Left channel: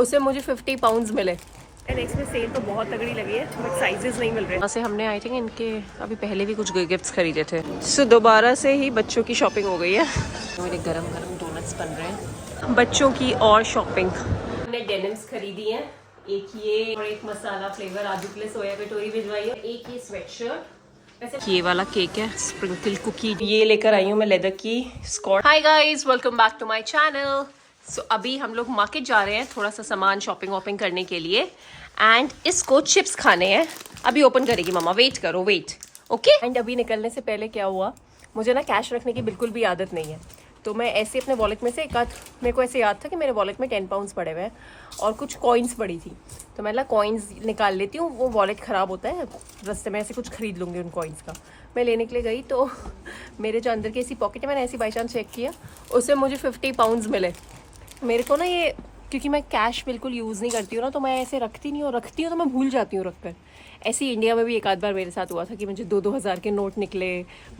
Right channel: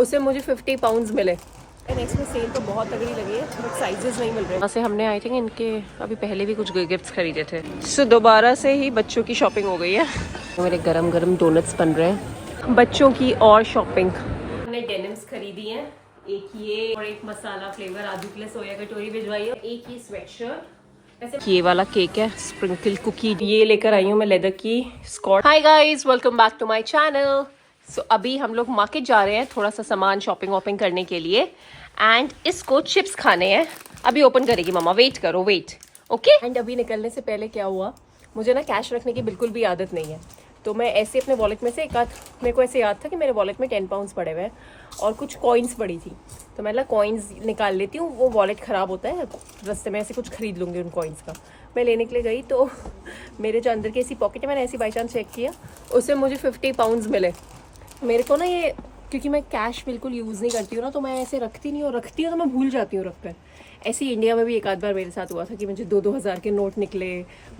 उससे मुझे 50 पाउंड्स मिले। नेक्स्ट में सेल तो बहुत तगड़ी लगी है बट साइजेस नहीं मिल रहे। यहाँ से हमने आई थिंक इनके अभी पहले भी कुछ गिफ्ट्स खरीदे थे। सो दोबारा से ही बच्चों की शॉपिंग हो गई है। मेरे गरम गरम डोनट्स बन रहे हैं। बच्चों की और शॉपिंग हमने डेनिम्स खरीदी है, एक ये और एक मसाला फ्लेवर आजू के लिए सोया कटोरी भिजवाई है, एक ये स्वेटशर्ट। वैसे ये वाला केक है स्प्रिंकल कुकी, ये लेकर आई हूँ मैं लेदर की स्कॉट। Hi guys, welcome back to my channel. So अभी हम लोग मार्केट जा रहे हैं थोड़ा सा सामान शॉपिंग वॉपिंग करने के लिए एंड इसको चिप्स खाने हैं। अभी ओपन करेगी मम्मा, वेट करो, वेट ओके। एंड अभी निकलने से पहले क्या हुआ, मुझे ना कैश रखने की बिल्कुल भी आदत नहीं है, तो मैं ऐसे अपने वॉलेट में से एक आध, मेरे को ऐसे याद था कि मेरे वॉलेट में 10 पाउंड्स पड़े हुए हैं और कुछ कॉइन्स पड़ी थी, तो मैं कॉइन्स निकाल लेती हूँ, वो वॉलेट ख़राब होता है, रास्ते में ऐसे कुछ खरीद लूँगी उन कॉइन्स का। मैं लेने के लिए गई तो मेरे जो अंदर की ऐसी पॉकेट है, मैंने ऐसी बाई चांस चेक किया, उससे मुझे 50 पाउंड्स मिले। मेरे को ना ये, क्योंकि मैं कैश बिल्कुल यूज़ नहीं करती हूँ ना, तो मैं ऐसे रखती नहीं, और रखती हूँ तो मैं भूल जाती हूँ रख कर। ऐसे ही इंडिया में भी एक आध बार मेरे साथ हुआ था कि मुझे 2-2 हज़ार के नोट निकले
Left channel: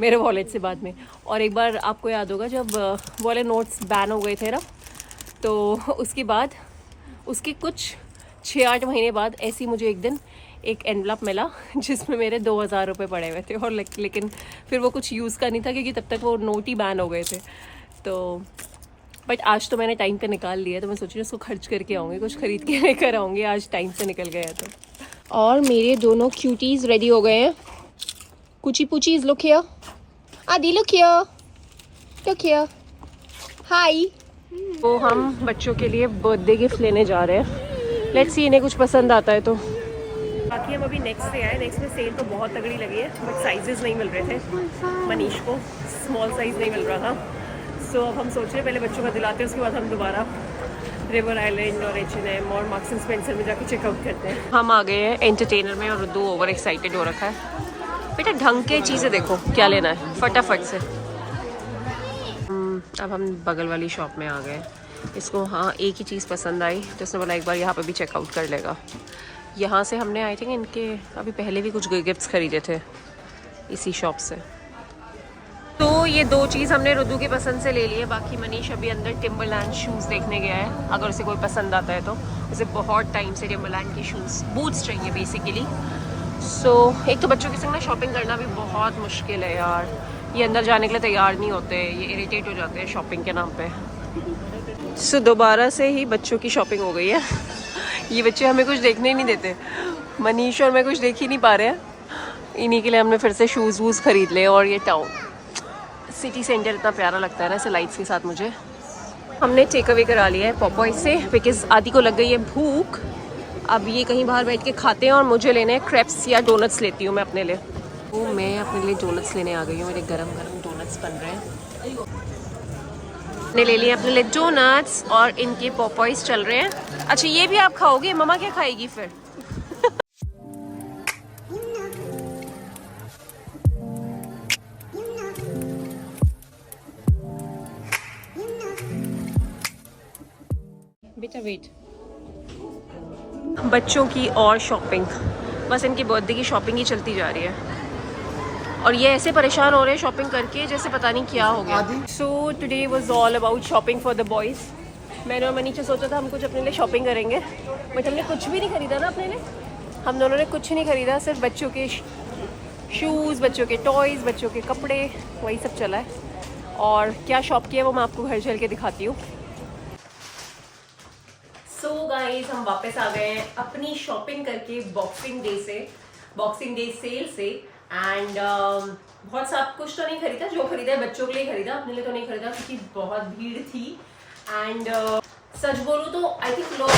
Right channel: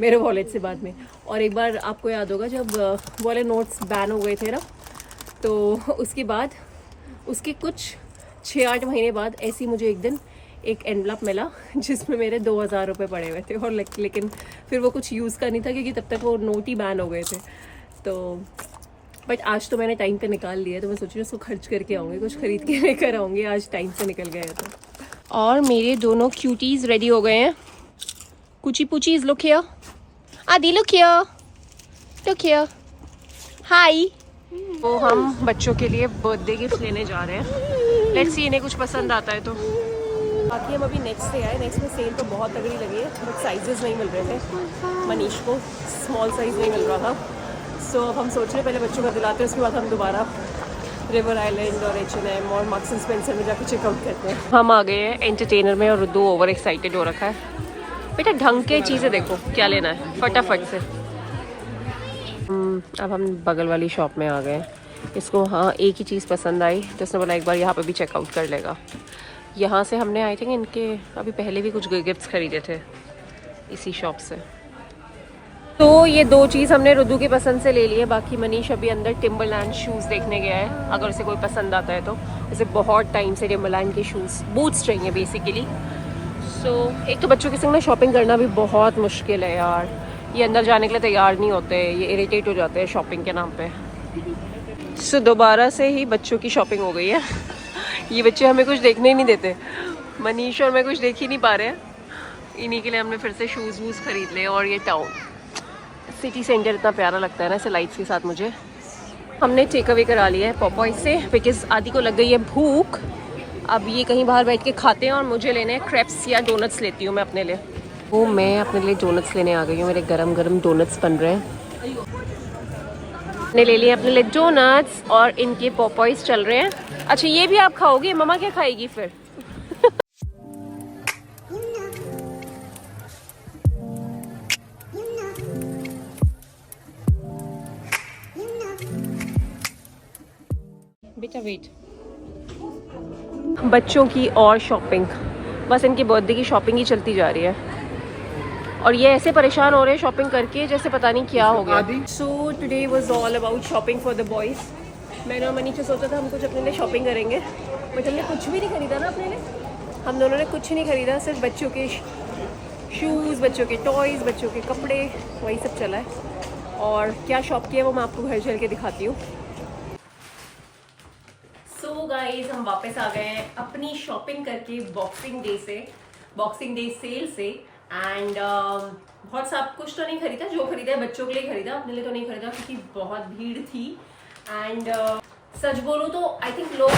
मेरे वॉलेट से बाद में। और एक बार आपको याद होगा जब वाले नोट्स बैन हो गए थे ना, तो उसके बाद उसके कुछ 6-8 महीने बाद ऐसे ही मुझे एक दिन एक एनवलप मिला जिसमें मेरे 2,000 रुपये पड़े हुए थे, और लेकिन फिर वो कुछ यूज़ का नहीं था क्योंकि तब तक वो नोट ही बैन हो गए थे। तो बट आज तो मैंने टाइम पे निकाल लिया, तो मैं सोच रही हूँ उसको खर्च करके आऊँगी, कुछ खरीद के लेकर आऊँगी, आज टाइम से निकल गया तो। और मेरे दोनों क्यूटीज़ रेडी हो गए हैं। कुची पुचीज़, लुक हियर, आदि लुक हियर, लुक हियर, हाय। तो हम बच्चों के लिए बर्थडे गिफ्ट लेने जा रहे हैं, लेट्स सी इन्हें कुछ पसंद आता है तो। बाकी हम अभी नेक्स्ट से आए, नेक्स्ट में सेल तो बहुत तगड़ी लगी है बट साइजेस नहीं मिल रहे थे। मनीष को स्मॉल साइज़ नहीं मिल रहा था, सो अब हम सोच रहे हैं पहले बच्चों का दिलाते हैं, उसके बाद हम दोबारा रिवर आइलैंड और H&M और मार्क्स एंड स्पेंसर में जाके चेकआउट करते हैं। हम आ गए हैं एंटरटेनर में और रुद्दू ओवर एक्साइटेड हो रखा है। बेटा ढंग के चीज़ें देखो क्या लेना है फटाफट से। अब हम बगल वाली शॉप में आ गए। इसको हाँ एक ही चीज़ पसंद आई तो उसने बोला एक बार यहाँ पे भी चेकआउट कर लेगा। यहाँ से हमने आई थिंक इनके अभी पहले भी कुछ गिफ्ट्स खरीदे थे इसी शॉप से। तो ये दो चीज़ हमने रुद्दू की पसंद से ले ली है। बाकी मनीष अभी अंदर टिम्बरलैंड शूज़ देखने गया है, अगर उसे कोई पसंद आता है तो। उसे बहुत टाइम से टिम्बरलैंड के शूज़, बूट्स चाहिए बेसिकली। सो एक तो बच्चों के संग ना शॉपिंग करना भी बहुत मुश्किल है यार, ये अंदर जाने के लिए तैयार नहीं होते, ये इरिटेट हो जाते हैं शॉपिंग के नाम पे। सो दोबारा से ही बच्चों की शॉपिंग हो गई है। ये बच्चे हमें कुछ देखने ही नहीं देते, मनीष और मैं कुछ देख ही नहीं पा रहे हैं, इन्हीं के लिए हमने फिर से शूज़ वूज़ खरीद लिए। और ये टाउन सिटी सेंटर इतना प्यारा लगता है ना ऐसे लाइट्स के साथ मुझे। हमने टेक अवे करा लिया है पॉपॉय से, बिकॉज आदि को लग गई है भूख। अब ये कहीं बाहर बैठ के खाते हैं और मुझे लेने हैं क्रेप्स या डोनट्स लेती हूँ मैं अपने लिए। वो मैं अपने लिए डोनट्स लेने आ गई हूँ, मेरे गरम गरम डोनट्स बन रहे हैं। मैंने ले लिए अपने लिए डोनट्स और इनके पॉपॉयज चल रहे हैं। अच्छा ये भी आप खाओगे? मम्मा क्या खाएगी फिर? बेटा वेट। बच्चों की और शॉपिंग, बस इनके बर्थडे की शॉपिंग ही चलती जा रही है और ये ऐसे परेशान हो रहे हैं शॉपिंग करके जैसे पता नहीं क्या हो गया। So today was all about shopping for the boys. मैंने और मनीष से सोचा था हम कुछ अपने लिए शॉपिंग करेंगे, बट हमने कुछ भी नहीं खरीदा ना अपने लिए। हम दोनों ने कुछ नहीं खरीदा, सिर्फ बच्चों के शूज़, बच्चों के टॉयज़, बच्चों के कपड़े, वही सब चला है। और क्या शॉप किया वो मैं आपको घर चल के दिखाती हूँ। सो गाइज हम वापस आ गए हैं अपनी शॉपिंग करके बॉक्सिंग डे सेल से। एंड बहुत सा कुछ तो नहीं खरीदा, जो खरीदा है बच्चों के लिए खरीदा, अपने लिए तो नहीं खरीदा क्योंकि बहुत भीड़ थी। एंड सच बोलूँ तो आई थिंक लोग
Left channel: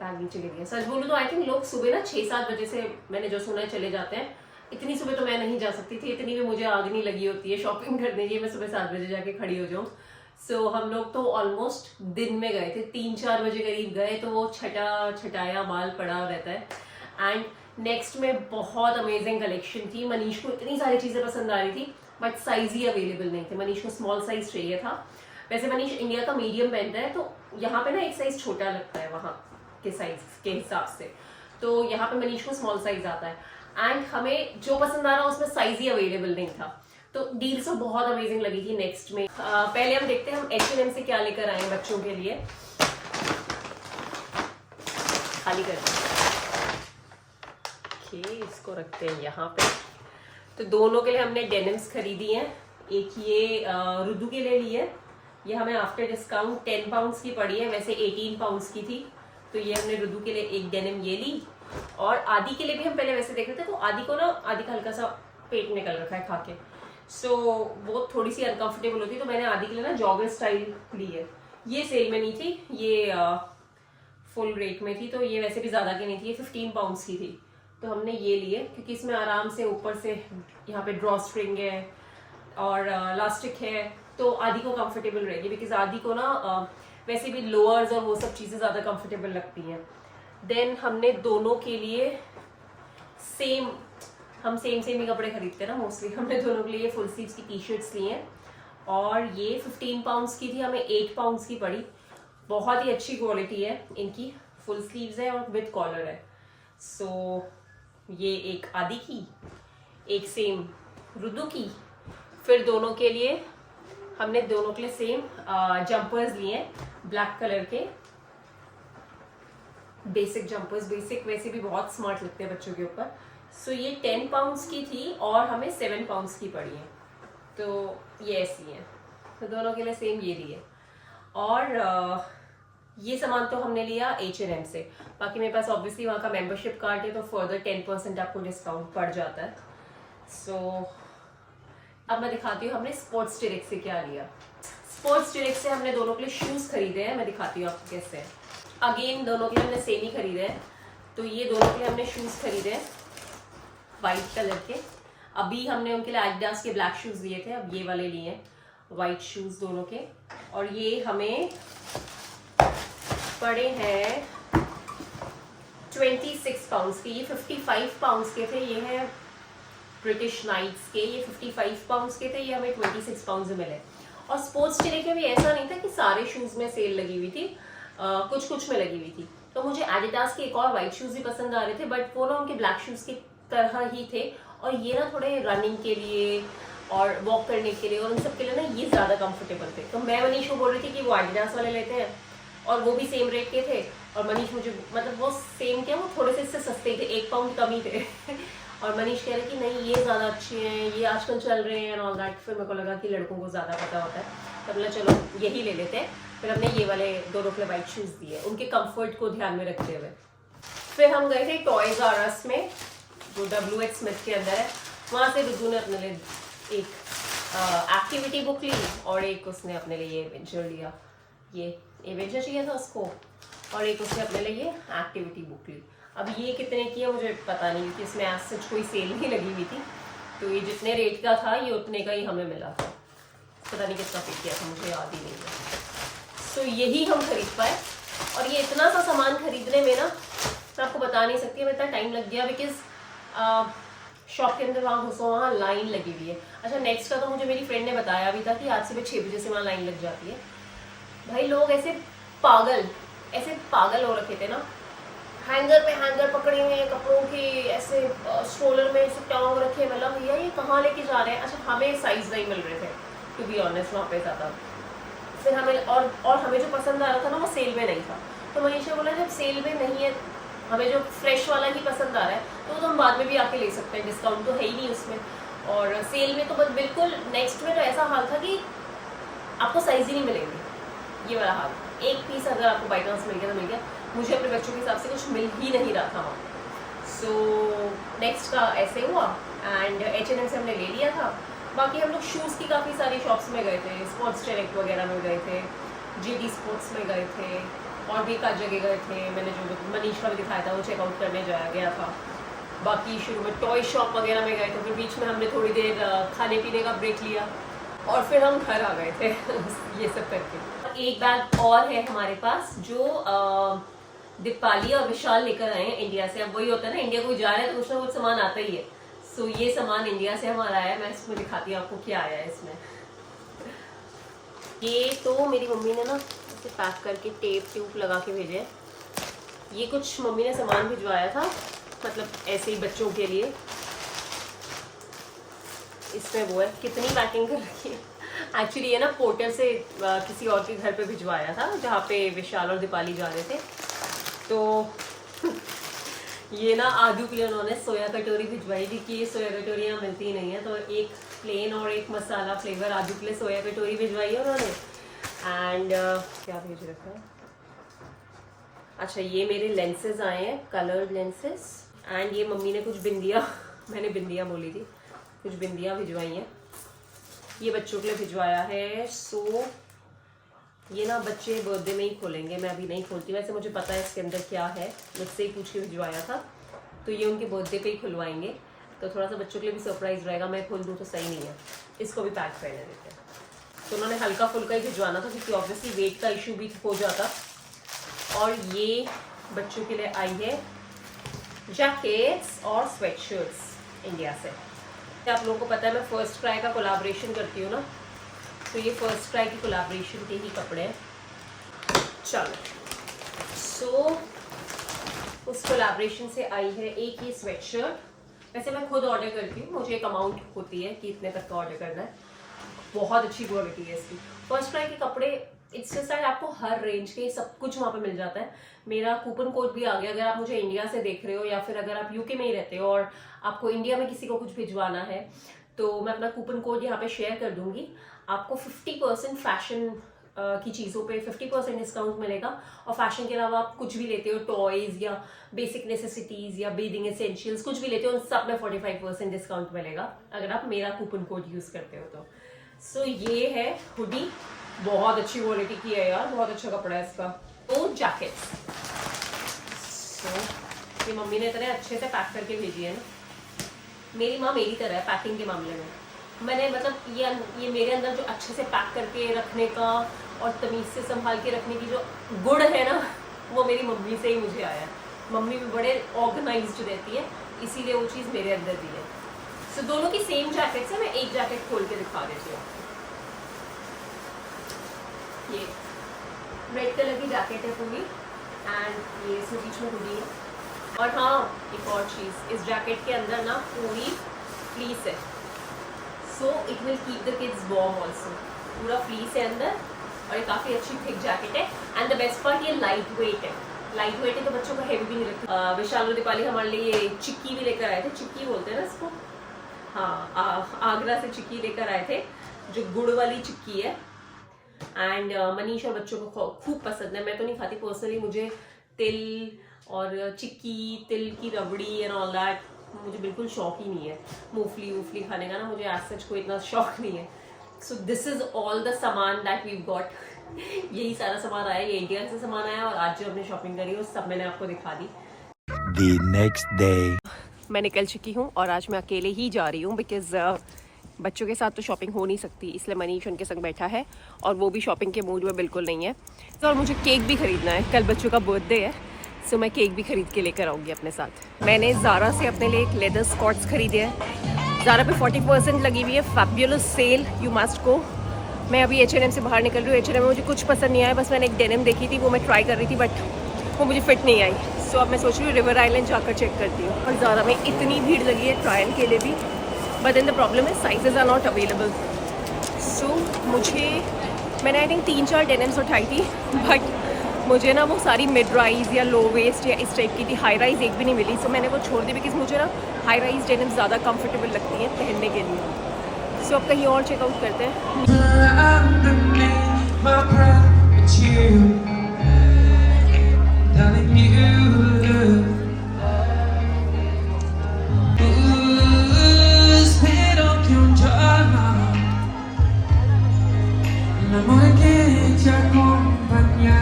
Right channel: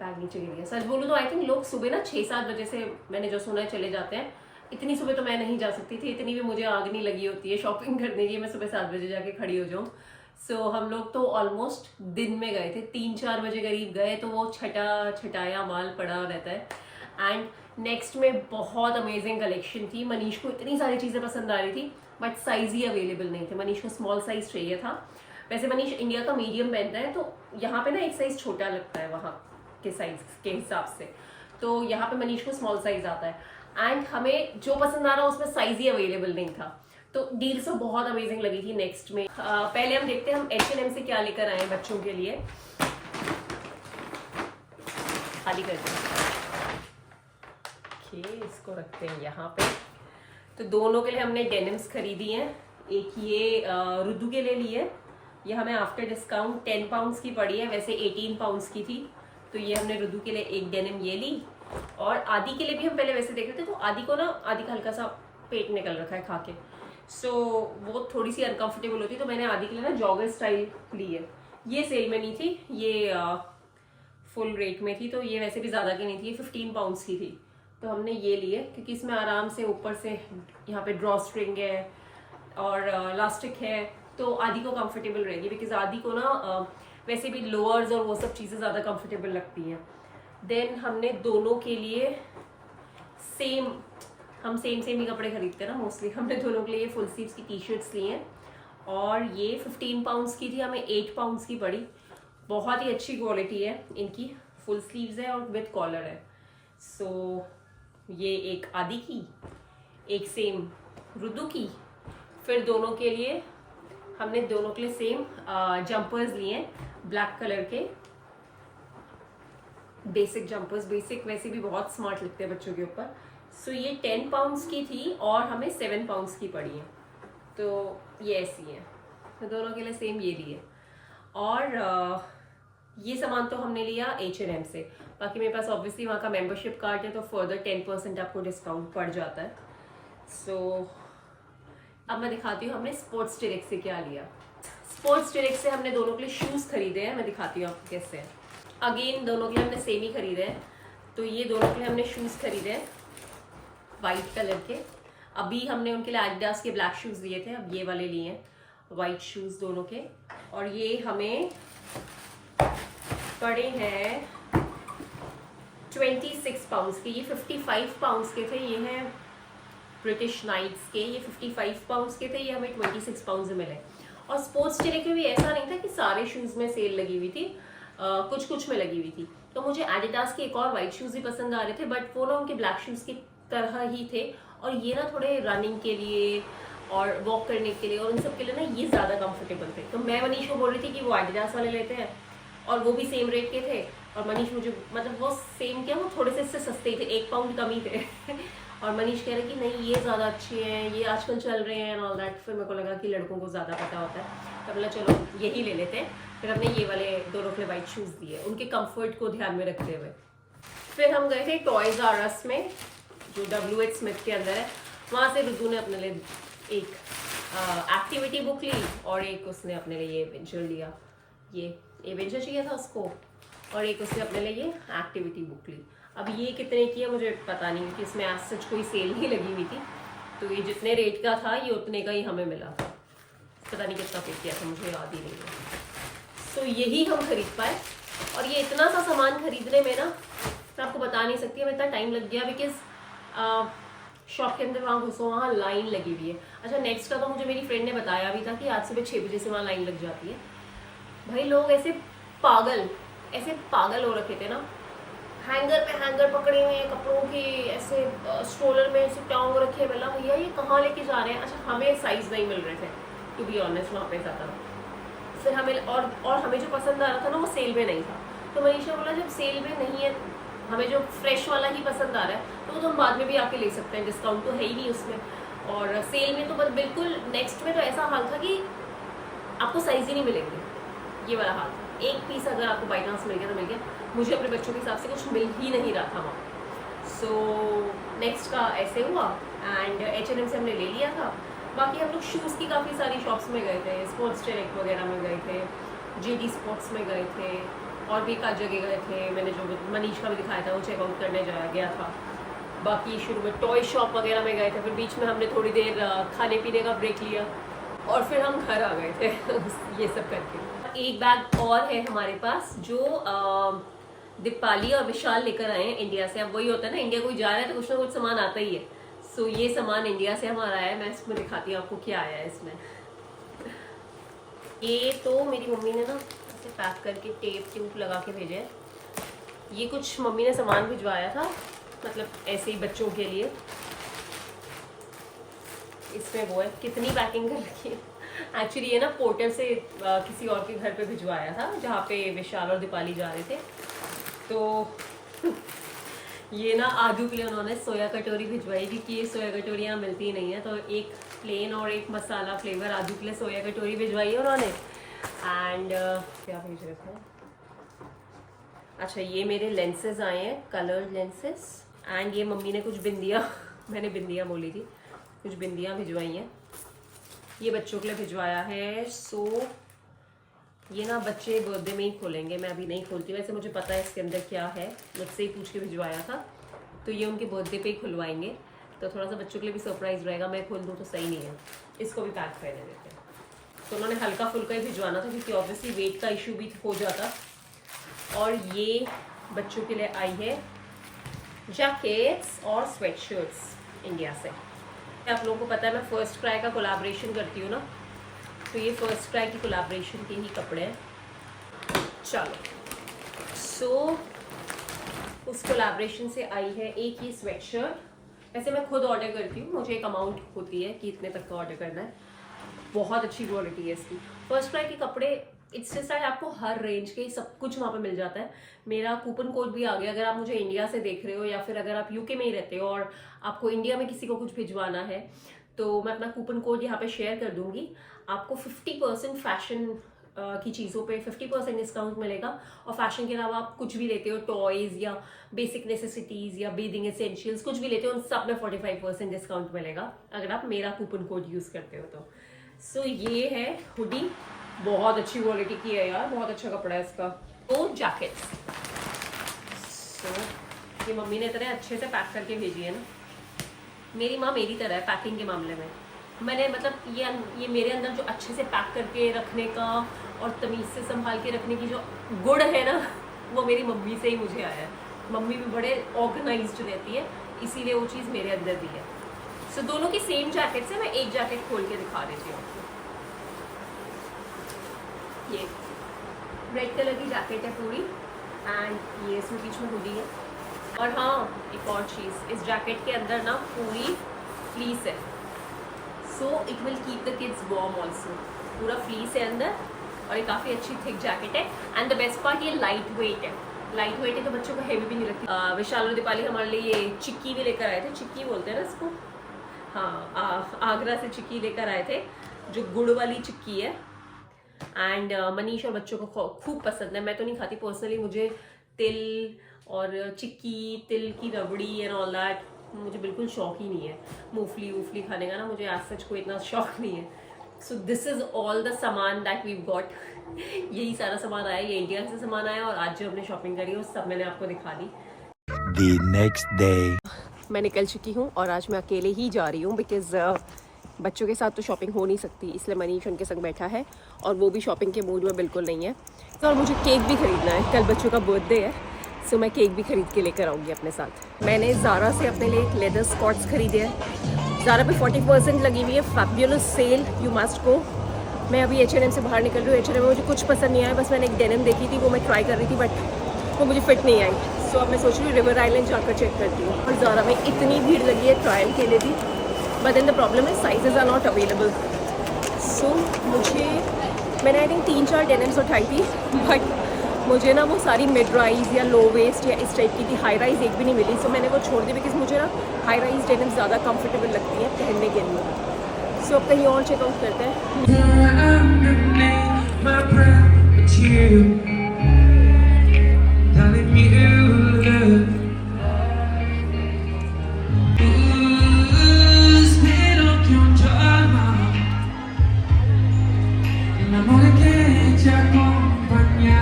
बैग नीचे गिर गया। सच बोलूँ तो आई थिंक लोग सुबह ना 6-7 बजे से, मैंने जो सुना है, चले जाते हैं। इतनी सुबह तो मैं नहीं जा सकती थी, इतनी भी मुझे आग नहीं लगी होती है शॉपिंग करने की, मैं सुबह 7 बजे जाके खड़ी हो जाऊँ। सो हम लोग तो ऑलमोस्ट दिन में गए थे, 3-4 बजे करीब गए, तो वो छटाया माल पड़ा रहता है। एंड नेक्स्ट में बहुत अमेजिंग कलेक्शन थी। मनीष को इतनी सारी चीज़ें पसंद आ रही थी बट साइज ही अवेलेबल नहीं थे। मनीष को स्मॉल साइज चाहिए था। वैसे मनीष इंडिया का मीडियम पहनता है, तो यहाँ पे ना एक साइज छोटा लगता है वहाँ के साइज के हिसाब से, तो यहाँ पे मनीष को स्मॉल साइज आता है। एंड हमें जो पसंद आ रहा उसमें साइज ही अवेलेबल नहीं था, तो डील तो बहुत अमेजिंग लगी थी। नेक्स्ट में पहले हम देखते हैं हम H&M से क्या लेकर आए हैं बच्चों के लिए। खाली कर दिया। इसको रखते हैं यहाँ पे। तो दोनों के लिए हमने डेनिम्स खरीदी हैं। एक ये रुद्दू के लिए ली है, ये हमें आफ्टर डिस्काउंट 10 पाउंड्स की पड़ी है, वैसे 18 पाउंड्स की थी। तो ये हमने रुद्दू के लिए एक डेनिम ये ली। और आदि के लिए भी हम पहले वैसे देख रहे थे, तो आदि को ना, आदि का हल्का सा पेट निकल रखा है खा के, सो वो थोड़ी सी अनकंफर्टेबल होती, तो मैंने आदि के लिए ना जॉगर स्टाइल ली है। ये सेल में नहीं थी, ये फुल रेट में थी, तो ये वैसे भी ज़्यादा की नहीं थी, ये 15 पाउंड्स की थी। तो हमने ये लिए क्योंकि इसमें आराम से ऊपर से यहाँ पे ड्रॉ स्ट्रिंग है और इलास्टिक है, तो आदि को कंफर्टेबल रहेगी। बिकॉज आदि को ना वैसे भी लोअर्स और वो सब चीज़ें ज़्यादा कंफर्टेबल लगती हैं। देन हमने दोनों के लिए हम सेम ही कपड़े खरीदते हैं ना मोस्टली। हमने दोनों के लिए फुल स्लीव्स की टी शर्ट्स ली हैं और ये 15 पाउंड्स की थी, हमें 8 पाउंड्स की पड़ी। बहुत ही अच्छी क्वालिटी है इनकी, फुल स्लीव्स है और विद कॉलर है। सो ये एक आदि की, एक सेम रुद्दू की। फिर दोनों के लिए हमने दोनों के लिए सेम जंपर्स लिए हैं, ब्लैक कलर के बेसिक जंपर्स। बेसिक वैसे भी बहुत स्मार्ट लगते हैं बच्चों के ऊपर। सो ये 10 पाउंड्स की थी और हमें 7 पाउंड्स की पड़ी है। तो ये ऐसी है, तो दोनों के लिए सेम ये लिए। और ये सामान तो हमने लिया H&M से। बाकी मेरे पास ऑब्वियसली वहाँ का मेंबरशिप कार्ड है, तो फर्दर 10% आपको डिस्काउंट पड़ जाता है। सो अब मैं दिखाती हूँ हमने स्पोर्ट्स डायरेक्ट से क्या लिया। स्पोर्ट्स डायरेक्ट से हमने दोनों के लिए शूज़ खरीदे हैं, मैं दिखाती हूँ आपको कैसे हैं। अगेन दोनों के लिए हमने सेम ही खरीदे हैं। तो ये दोनों के लिए हमने शूज़ खरीदे हैं वाइट कलर के। अभी हमने उनके लिए एडिडास के ब्लैक शूज़ लिए थे, अब ये वाले लिए हैं वाइट शूज़ दोनों के। और ये हमें पड़े हैं 26 पाउंड्स के। ये 55 पाउंड्स के थे, ये हैं ब्रिटिश नाइट्स के, ये 55 पाउंड्स के थे, ये हमें 26 पाउंड्स में मिले। और स्पोर्ट्स डायरेक्ट में भी ऐसा नहीं था कि सारे शूज़ में सेल लगी हुई थी, कुछ कुछ में लगी हुई थी। तो मुझे एडिडास के एक और वाइट शूज़ भी पसंद आ रहे थे, बट वो ना उनके ब्लैक शूज़ की तरह ही थे। और ये ना थोड़े रनिंग के लिए और वॉक करने के लिए और उन सब के लिए ना ये ज़्यादा कंफर्टेबल थे। तो मैं मनीष को बोल रही थी कि वो एडिडास वाले लेते हैं, और वो भी सेम रेट के थे। और मनीष मुझे, मतलब वो सेम क्या, वो थोड़े से इससे सस्ते थे, 1 पाउंड कम ही थे। और मनीष कह रहे कि नहीं ये ज़्यादा अच्छे हैं, ये आजकल चल रहे हैं एंड ऑल दैट। फिर मेरे को लगा कि लड़कों को ज़्यादा पता होता है, तब बोला चलो यही ले लेते हैं। फिर हमने ये वाले दोनों के वाइट शूज़ दिए, उनके कंफर्ट को ध्यान में रखते हुए। फिर हम गए थे टॉयज आर अस में, जो WH स्मिथ के अंदर है। वहाँ से रुद्दू ने अपने लिए एक एक्टिविटी बुक ली और एक उसने अपने लिए ये एवेंजर लिया। ये एवेंजर चाहिए था उसको, और एक उसने अपने लिए ये एक्टिविटी बुक ली। अब ये कितने की है मुझे पता नहीं, क्योंकि इसमें आज सच कोई सेल नहीं लगी हुई थी। तो ये जितने रेट का था ये उतने का ही हमें मिला था, पता नहीं कितना पे किया था, मुझे याद ही नहीं है। तो यही हम खरीद पाए। और ये इतना सा सामान खरीदने में ना मैं आपको बता नहीं सकती, हमें इतना टाइम लग गया, बिकॉज शॉप के अंदर वहाँ घुसो, वहाँ लाइन लगी हुई है। अच्छा, नेक्स्ट का तो मुझे मेरी फ्रेंड ने बताया भी था कि आज सुबह 6 बजे से वहाँ लाइन लग जाती है। भाई लोग ऐसे पागल हो रखे थे ना, हैंगर पे हैंगर पकड़े हुए हैं कपड़ों के, ऐसे स्ट्रोलर में ऐसे टांग रखे। मतलब भैया ये कहाँ लेके जा रहे हैं। अच्छा, हमें साइज नहीं मिल रहे थे टू बी ऑनेस्ट वहाँ पे ज़्यादा। फिर हमें और हमें जो पसंद आ रहा था ना वो सेल में नहीं था। तो मनीषा बोला जब सेल में नहीं है, हमें जो फ्रेश वाला ही पसंद आ रहा है तो हम बाद में भी आके ले सकते हैं, डिस्काउंट तो है ही नहीं उसमें। और सेल में तो बस बिल्कुल नेक्स्ट में तो ऐसा हाल था कि आपको साइज ही नहीं मिलेंगे, ये वाला हाल। एक पीस अगर आपको बाई चांस मिल गया तो मिल गया। मुझे अपने बच्चों के हिसाब से कुछ मिल ही नहीं रहा था वहाँ। सो नेक्स्ट का ऐसे हुआ एंड H&M से हमने ले लिया था। बाकी हम लोग शूज़ की काफ़ी सारी शॉप्स में गए थे, स्पोर्ट्स डायरेक्ट वगैरह में गए थे, GD स्पोर्ट्स में गए थे, और भी एक आध जगह गए थे। मैंने जो मनीष का भी दिखाया था वो चेकआउट करने जाया गया था। बाकी शुरू में टॉय शॉप वगैरह में गए थे, फिर बीच में हमने थोड़ी देर खाने पीने का ब्रेक लिया और फिर हम घर आ गए थे ये सब करके। एक बैग और है हमारे पास जो दीपाली और विशाल लेकर आए हैं इंडिया से। अब वही होता है ना, इंडिया कोई जा रहा है तो कुछ ना कुछ सामान आता ही है। सो ये सामान इंडिया से हमारा आया है। मैं इसमें दिखाती हूँ आपको क्या आया है इसमें। ये तो मेरी मम्मी ने ना इसे पैक करके टेप ट्यूब लगा के भेजे है। ये कुछ मम्मी ने सामान भिजवाया था, मतलब ऐसे ही बच्चों के लिए। इसमें वो है, कितनी पैकिंग कर रखी है। एक्चुअली ये ना पोर्टर से किसी और के घर पे भिजवाया था जहाँ पे विशाल और दीपाली जा रहे थे। तो ये ना आदू के लिए उन्होंने सोया कटोरी भिजवाई क्योंकि ये सोया कटोरियाँ मिलती ही नहीं है, तो एक प्लेन और एक मसाला फ्लेवर आदू के लिए सोया कटोरी भिजवाई है उन्होंने। एंड क्या भेज रखा है, अच्छा ये मेरे लेंसेज आए हैं, कलर्ड लेंसेज। एंड ये मम्मी ने कुछ बिंदियाँ मैंने बिंदियाँ बोली थी, कुछ बिंदियाँ भिजवाई हैं, ये बच्चों के लिए भिजवाया है। सो ये ना बच्चे बर्थडे में ही खोलेंगे, मैं अभी नहीं खोलती, वैसे मुझे पता है इसके अंदर क्या है, मुझसे ही पूछ के भिजवाया था, तो ये उनके बर्थडे पे ही खुलवाएंगे, तो थोड़ा सा बच्चों के लिए भी सरप्राइज रहेगा, मैं खोल दूँ तो सही नहीं है। इसको भी पैक पहने देते हैं। तो उन्होंने हल्का फुल्का ही भिजवाना था क्योंकि ऑब्वियसली वेट का इशू भी हो जाता। और ये बच्चों के लिए आई है जैकेट्स और स्वेटशर्ट्स इंडिया से। आप लोगों को पता है मैं फर्स्ट क्राई का कोलैबोरेशन करती हूँ ना, तो ये फर्स्ट क्राई की कोलैबोरेशन के ही कपड़े हैं। चलो सो उस कोलैबोरेशन से आई है एक ये स्वेटशर्ट। वैसे मैं खुद ऑर्डर करती हूँ, मुझे एक अमाउंट होती है कि इतने तक का ऑर्डर करना है। बहुत अच्छी क्वालिटी है इसकी। फर्स्ट क्राई के कपड़े इट्स जस्ट लाइक आपको हर रेंज के सब कुछ वहाँ पे मिल जाता है। मेरा कूपन कोड भी आ गया, अगर आप मुझे इंडिया से देख रहे हो या फिर अगर आप यूके में ही रहते हो और आपको इंडिया में किसी को कुछ भिजवाना है, तो मैं अपना कूपन कोड यहाँ पे शेयर कर दूंगी। आपको 50% फैशन की चीज़ों पे 50% डिस्काउंट मिलेगा। और फैशन के अलावा आप कुछ भी लेते हो, टॉयज या बेसिक नेसेसिटीज या बेदिंग एसेंशियल्स कुछ भी लेते हो, उन सब में 45% डिस्काउंट मिलेगा अगर आप मेरा कूपन कोड यूज़ करते हो तो। सो ये है हुडी, बहुत अच्छी क्वालिटी की है यार, बहुत अच्छा कपड़ा है इसका। तो जैकेट्स, सो ये मम्मी ने इतने अच्छे से पैक करके भेजी है ना, मेरी माँ मेरी तरह है पैकिंग के मामले में। मैंने मतलब ये मेरे अंदर जो अच्छे से पैक करके रखने का और तमीज़ से संभाल के रखने की जो गुण है ना, वो मेरी मम्मी से ही मुझे आया है। मम्मी भी बड़े ऑर्गेनाइज्ड रहती है, इसीलिए वो चीज़ मेरे अंदर भी है। सो दोनों की सेम जैकेट्स है, मैं एक जैकेट खोल के दिखा देती हूँ आपको। ये रेड कलर की जैकेट है पूरी, एंड ये इसमें बीच में हुडी है। और हाँ एक और चीज़, इस जैकेट के अंदर ना पूरी फ्लीस है, so it will keep the kids warm also. पूरा फ्लीस है अंदर और ये काफ़ी अच्छी थिक जैकेट है। एंड द बेस्ट पार्ट, ये लाइट वेट है। लाइट वेट है तो बच्चों को हैवी भी नहीं लगती। विशाल और दीपाली हमारे लिए ये चिक्की भी लेकर आए थे, चिक्की बोलते हैं ना इसको, हाँ आगरा से चिक्की लेकर आए थे, जो गुड़ वाली चिक्की है। एंड मनीष और बच्चों को खूब पसंद है। मैं तो नहीं खाती पर्सनली, मुझे तिल और चिक्की, तिल की रबड़ी एंड ऑल दैट मुझे बिल्कुल शौक ही नहीं है। मूंगफली वूफली खाने का ना मुझे आज सच को इतना शौक नहीं है। So this is all the सामान दैट वी गॉट। यही सारा सामान आया, ये इंडिया से सामान आया, और आज जो हमने शॉपिंग करी है वो सब मैंने आपको दिखा दी। The next day. मैं निकल चुकी हूँ और आज मैं अकेले ही जा रही हूँ बिकॉज बच्चों के साथ तो शॉपिंग हो नहीं सकती, इसलिए मनीष उनके संग बैठा है और वो भी शॉपिंग के मूड में बिल्कुल नहीं है। तो और मुझे केक भी खरीदना है, कल बच्चों का बर्थडे है, सो मैं केक भी खरीद के लेकर आऊँगी अपने साथ। मैंने ज़ारा से अपने लिए एक लेदर स्कॉट्स खरीदे हैं। ज़ारा पे 40% लगी हुई है, fabulous sale, you must go. मैं अभी H&M से बाहर निकल रही हूँ। H&M में मुझे कुछ पसंद नहीं आया, बस मैंने एक डेनिम देखी थी, वो मैं ट्राई कर रही थी बट वो मुझे फिट नहीं आई। सो अब मैं सोच रही हूँ रिवर आइलैंड जाकर चेक करती हूँ। और ज़ारा में इतनी भीड़ लगी है ट्रायल के लिए भी, बट देन द प्रॉब्लम है साइजेस आर नॉट अवेलेबल। सो मैंने आई थिंक 3-4 डेनिम्स उठाई थी, बट मुझे ना वो सारी मिड राइज या लो वेस्ट या इस टाइप की थी, हाई राइज एक भी नहीं मिली। सो मैंने वो छोड़ दी बिकॉज मुझे ना हाई राइज डेनिम्स ज़्यादा कंफर्टेबल लगती हैं पहनने के लिए। सो अब कहीं और चेकआउट करते हैं।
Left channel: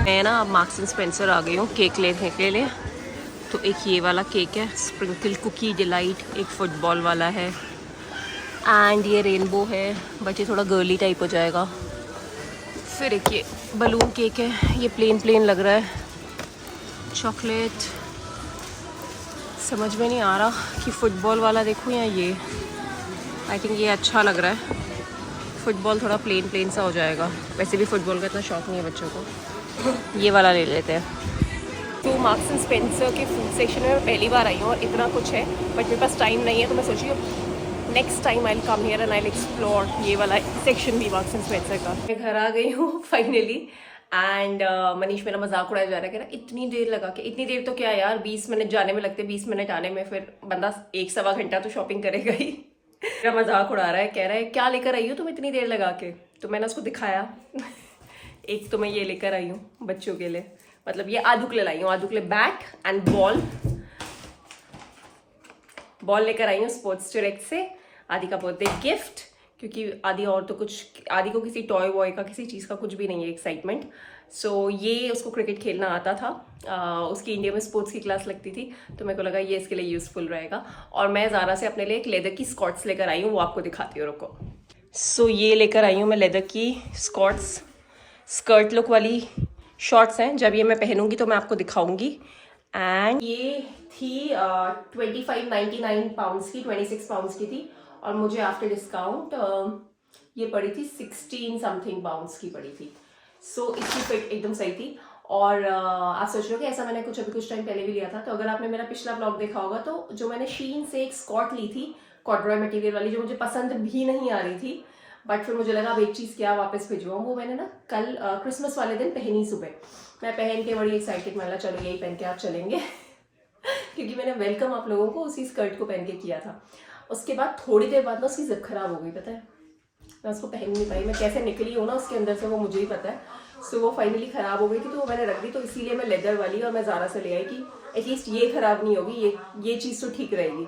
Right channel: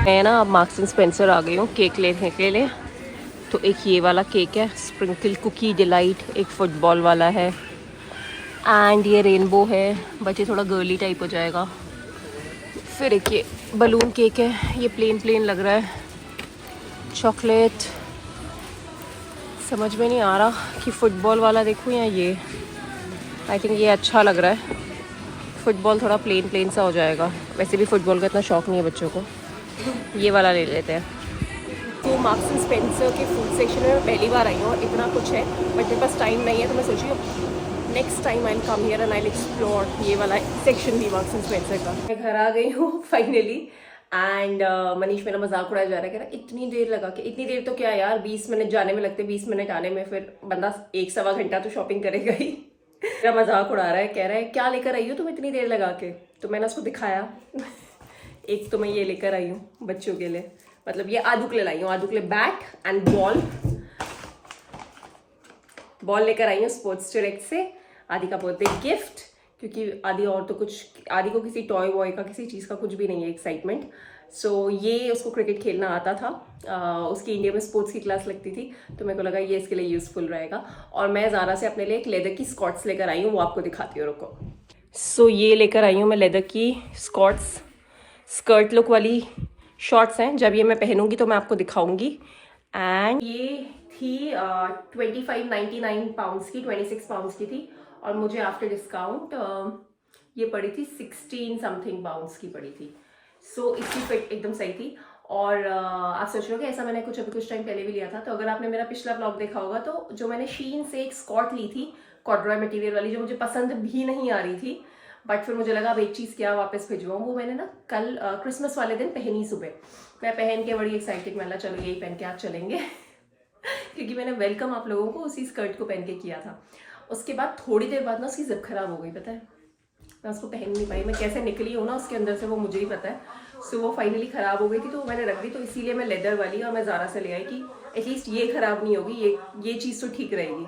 मैं ना अब मार्क्स एंड स्पेंसर आ गई हूँ केक लेने के लिए। तो एक ये वाला केक है स्प्रिंकल कुकी डिलाइट, एक फुटबॉल वाला है, एंड ये रेनबो है बट ये थोड़ा गर्ली टाइप हो जाएगा। फिर एक ये बलून केक है, ये प्लेन लग रहा है। चॉकलेट समझ में नहीं आ रहा कि फुटबॉल वाला देखूँ या ये, आई थिंक ये अच्छा लग रहा है। फुटबॉल थोड़ा प्लेन सा हो जाएगा, वैसे भी फुटबॉल का इतना शौक नहीं है बच्चों को। ये वाला ले लेते हैं। तो मार्क्स एंड स्पेंसर के फूड सेक्शन में मैं पहली बार आई हूँ और इतना कुछ है बट मेरे पास टाइम नहीं है, तो मैं सोची next time I will come here and I will explore ये वाला सेक्शन भी मार्क्स एंड स्पेंसर का। मैं घर आ गई हूँ फाइनली, एंड मनीष मेरा मजाक उड़ाया जा रहा है, कह रहा इतनी देर लगा के, इतनी देर तो क्या यार 20 मिनट जाने में लगते, 20 मिनट आने में, फिर बंदा 1 सवा घंटा तो शॉपिंग करेगा ही। मेरा मजाक उड़ा रहा है, कह रहा है क्या लेकर आई हो तुम इतनी देर लगा के। तो मैंने उसको दिखाया एक तो मैं ये लेकर आई हूँ बच्चों के लिए, मतलब ये आदू के लिए लाई हूँ, आदू के लिए बैट एंड बॉल लेकर आई हूँ स्पोर्ट्स डायरेक्ट से, आदि का बर्थडे गिफ्ट, क्योंकि आदि और तो कुछ, आदि को किसी टॉय वॉय का किसी चीज़ का कुछ भी नहीं है एक्साइटमेंट। सो ये उसको क्रिकेट खेलना आता था, उसकी इंडिया में स्पोर्ट्स की क्लास लगती थी, तो मेरे को लगा ये इसके लिए यूज़फुल रहेगा। और मैं ज़ारा से अपने लिए एक लेदर की स्कॉट्स लेकर आई हूँ, वो आपको दिखाती हूँ, रुको। सो ये लेकर आई हूँ मैं लेदर की स्कॉट्स, स्कर्ट लुक वाली शॉर्ट्स हैं, जब ये मैं पहनूंगी तो मैं आपको दिखाऊंगी। एंड ये थी 25.99 पाउंड्स की, 26 पाउंड्स की थी, और मुझे आफ्टर डिस्काउंट ये पड़ी थी 16 समथिंग पाउंड्स की पड़ी थी। सो इसकी फिट एकदम सही थी। और आप सोच रहे हो कि ऐसा मैंने अभी कुछ टाइम पहले भी लिया था, तो अगर आपने मेरा पिछला ब्लॉग देखा होगा तो जो मैंने शीन से एक स्कॉट ली थी कॉर्डरॉय मटेरियल वाली, जो मुझे पसंद भी नहीं आ रही थी, बट फिर मुझे लगा अब एक चीज़ क्या वापस भिजवाऊँ, वो मैंने ना कल क्रिसमस वाले दिन पहनी सुबह। मैं पहन के बड़ी एक्साइटेड, मैंने चलो यही पहन के आप चलेंगे क्योंकि मैंने वेलकम आप लोगों को उसी स्कर्ट को पहन के किया था। उसके बाद थोड़ी देर बाद ना उसकी जिप खराब हो गई, पता है, मैं उसको पहन नहीं पाई, मैं कैसे निकली हूँ ना उसके अंदर से वो मुझे ही पता है। सो वो फाइनली ख़राब हो गई थी, तो वो मैंने रख दी, तो इसीलिए मैं लेदर वाली और मैं ज़ारा से ले आई कि एटलीस्ट ये ख़राब नहीं होगी, ये चीज़ तो ठीक रहेगी।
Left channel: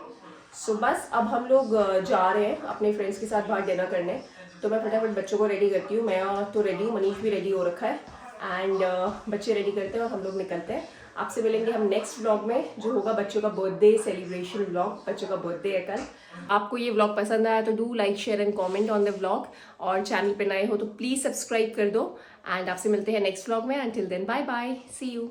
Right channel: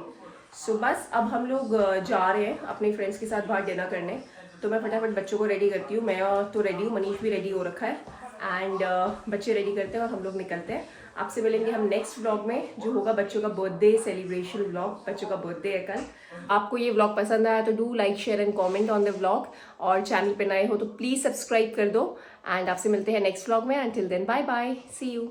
सो बस अब हम लोग जा रहे हैं अपने फ्रेंड्स के साथ बाहर डिनर करने, तो मैं फटाफट बच्चों को रेडी करती हूँ। मैं तो रेडी हूँ, मनीष भी रेडी हो रखा है, एंड बच्चे रेडी करते हैं और हम लोग निकलते हैं। आपसे मिलेंगे हम नेक्स्ट व्लॉग में, जो होगा बच्चों का बर्थडे सेलिब्रेशन व्लॉग। बच्चों का बर्थडे है कल। आपको ये व्लॉग पसंद आया तो do like share and comment on the vlog, और चैनल पे नए हो तो प्लीज़ सब्सक्राइब कर दो। एंड आपसे मिलते हैं नेक्स्ट व्लॉग में। Until then bye bye, see you.